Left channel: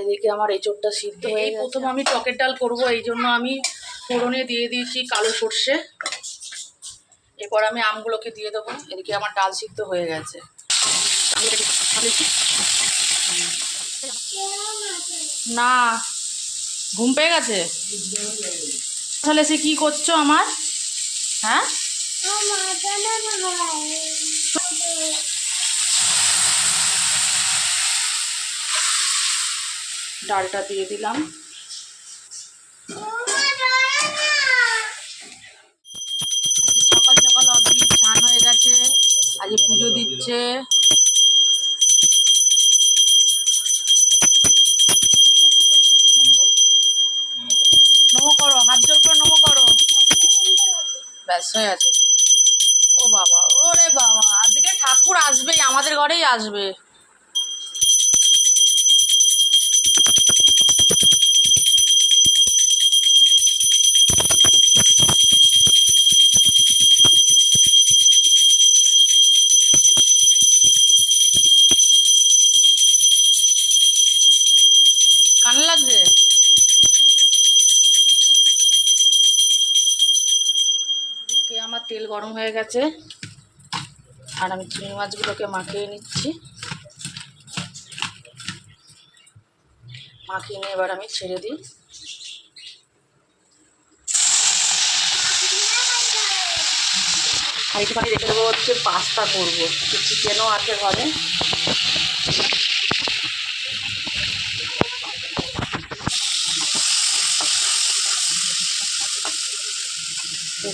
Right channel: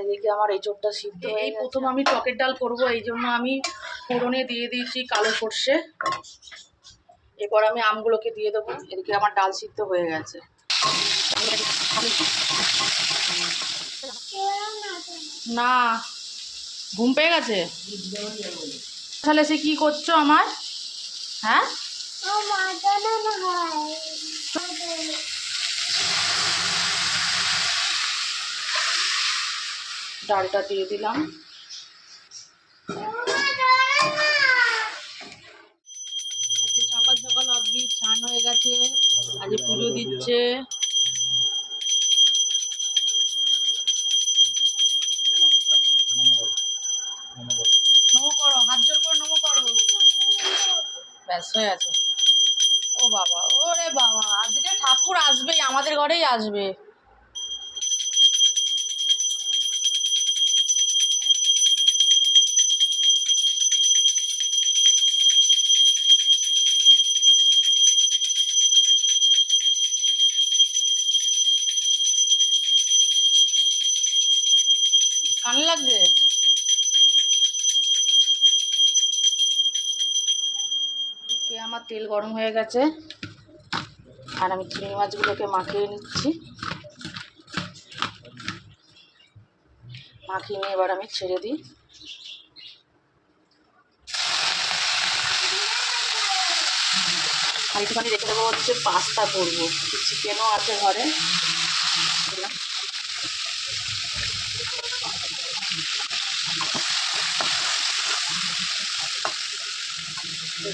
এদিকে আমার এঁচোড়টা সিদ্ধ হয়ে গেছে। প্রথম আমি টকের ডাল করব, এই জন্য আমি ফোড়নে দিয়ে দিয়েছি কালো সর্ষে। এরপর আমি আমগুলোকে দিয়ে দেবো। এদিকে আমার ডাল সিদ্ধ হয়ে গেছে। না, ঘুম পেয়ে গেছে। তাহলে সে কি করছো আমার? হ্যাঁ, ডালটা দিয়ে দিলাম। সকাল সকাল অদ্ভুত স্নান হয়ে গেছে, আজ পুজো দিচ্ছে। নমো করো, হাত জোর করে নমো করো। ব্যাস হয়ে গেছে। ও বাবা, ওরে বাবা, আজকে ঠাকুর আসবেই, আমাদের ঘরেই আসবে। কানে লাগছে? এদিকে আমার তেল গরম হয়ে গেছে, আর আমি চিংড়ি মাছগুলোকে মাখিয়ে নিচ্ছি। মাখিয়ে নিয়ে এবার আমি ছেড়ে দিই। আর একটুখানি রেখে দেবো হচ্ছে পাস্তা করবো, চিকেনও আছে ঘরে।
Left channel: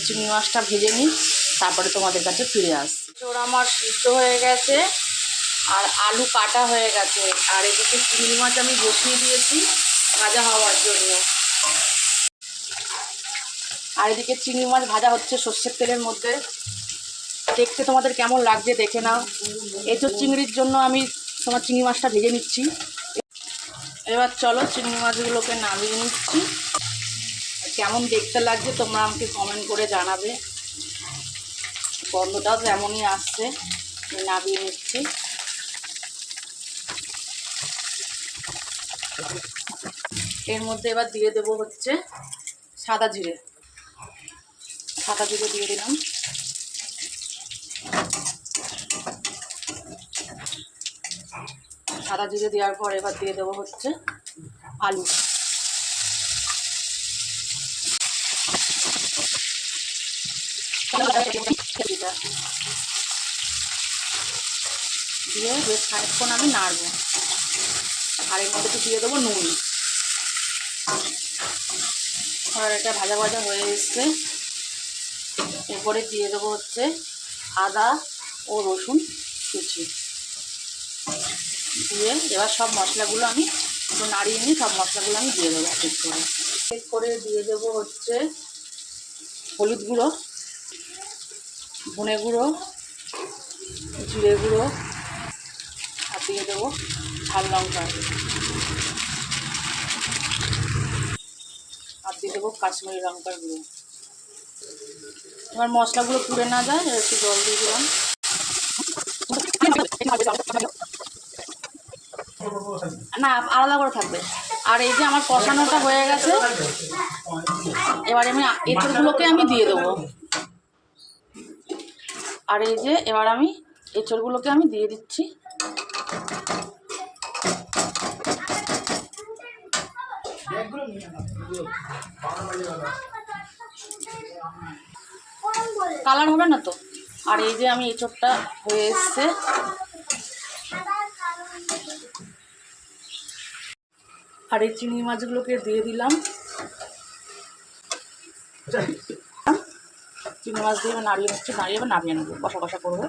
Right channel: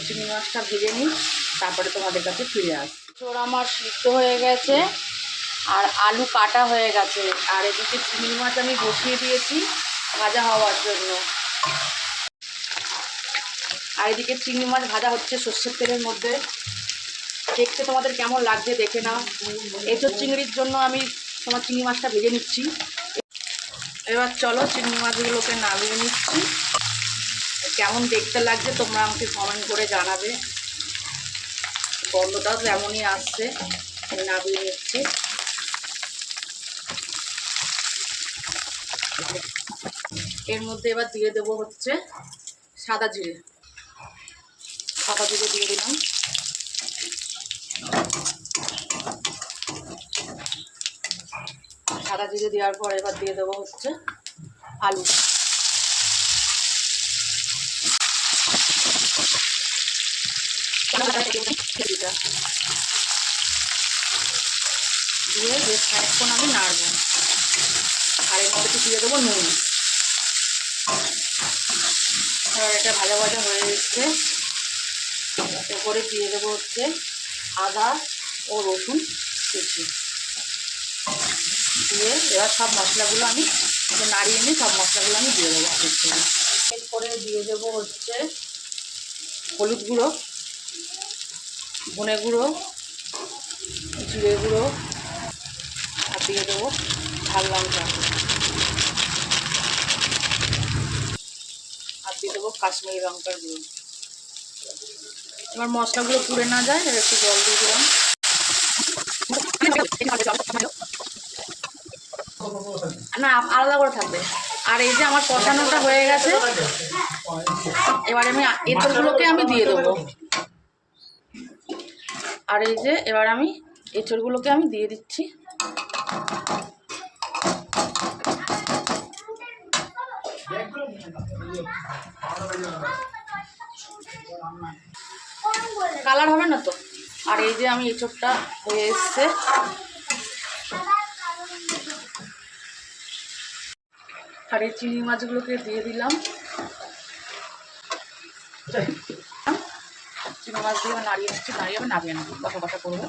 চিংড়ি মাছটা ভেজে নিই, তারপরে তোমাদের কাছে ফিরে আসি। ওরা আমার সিদ্ধ হয়ে গেছে আর আলু কাটা হয়ে গেছে, আর এদিকে চিংড়ি মাছ আমি বসিয়ে দিয়েছি ভাজা হওয়ার জন্য। আর এদিকে চিংড়ি মাছ ভাজা হচ্ছে সর্ষের তেলের মধ্যে। দেখতে তোমাদের কেমন লাগছে দেখে নাও। এঁচোড় চিংড়ির জন্য আমি তোমার চিংড়ি মাছটা ভেজে নিচ্ছি। এবার চলো চিংড়ি মাছগুলোকে নামিয়ে নিচ্ছি। কেমন দেখতে লাগছে তোমরা আমাকে কমেন্ট করে জানাবে। গন্ধটাও তেমনই আসছে। নামিয়ে নিচ্ছি। এর মধ্যে এবার দিয়ে দেবো হচ্ছে সাদা জিরে। সাদা জিরে দিয়ে দিলাম। সাদা জিরে দেওয়ার পর এবার দিয়ে দেবো হচ্ছে আলু। দিয়ে বেশ খানিকক্ষণ আমি নাড়বো। আর এর মধ্যে দিয়ে দেবো নুন। আর এটা ভাজা ভাজা হয়ে এসছে। এরপরে দিয়ে দেবো হচ্ছে আদা ও রসুন কুচি। দিয়ে এবার সব মশলাগুলো আমি একটু নাড়িয়ে নিই, সব মশলাগুলো আমি দিয়ে দেবো। এরপরে দিয়ে দেবো হচ্ছে হলুদ গুঁড়ো, ধনে গুঁড়ো, জিরে গুঁড়ো, আর দিয়ে দেবো ঝাল লঙ্কা, আর দিয়ে দেবো কাশ্মীরি লঙ্কার গুঁড়ো। এবার মশলাগুলো পুড়ে না যায় একটু জল দিয়ে দিলাম। না, আলাদা করে থাকবে। আর এই যে আমার কষানোটা হয়ে গেছে, এবার আমি এঁচড়গুলোকে আমি দিয়ে দেবো। আর এই যে এবার আমি এঁচড়গুলোকে আমি দিয়ে দিচ্ছি। কালার হবে না তো। আর এই যে আমি এঁচড়টা হয়ে এসছে। আর এই চিংড়ি মাছগুলোকে দিয়ে দিলাম। চিংড়ি মাছ দিয়ে নাড়িয়ে নিচ্ছি, নাড়িয়ে নামিয়ে নেবো, কষা কষা করবো।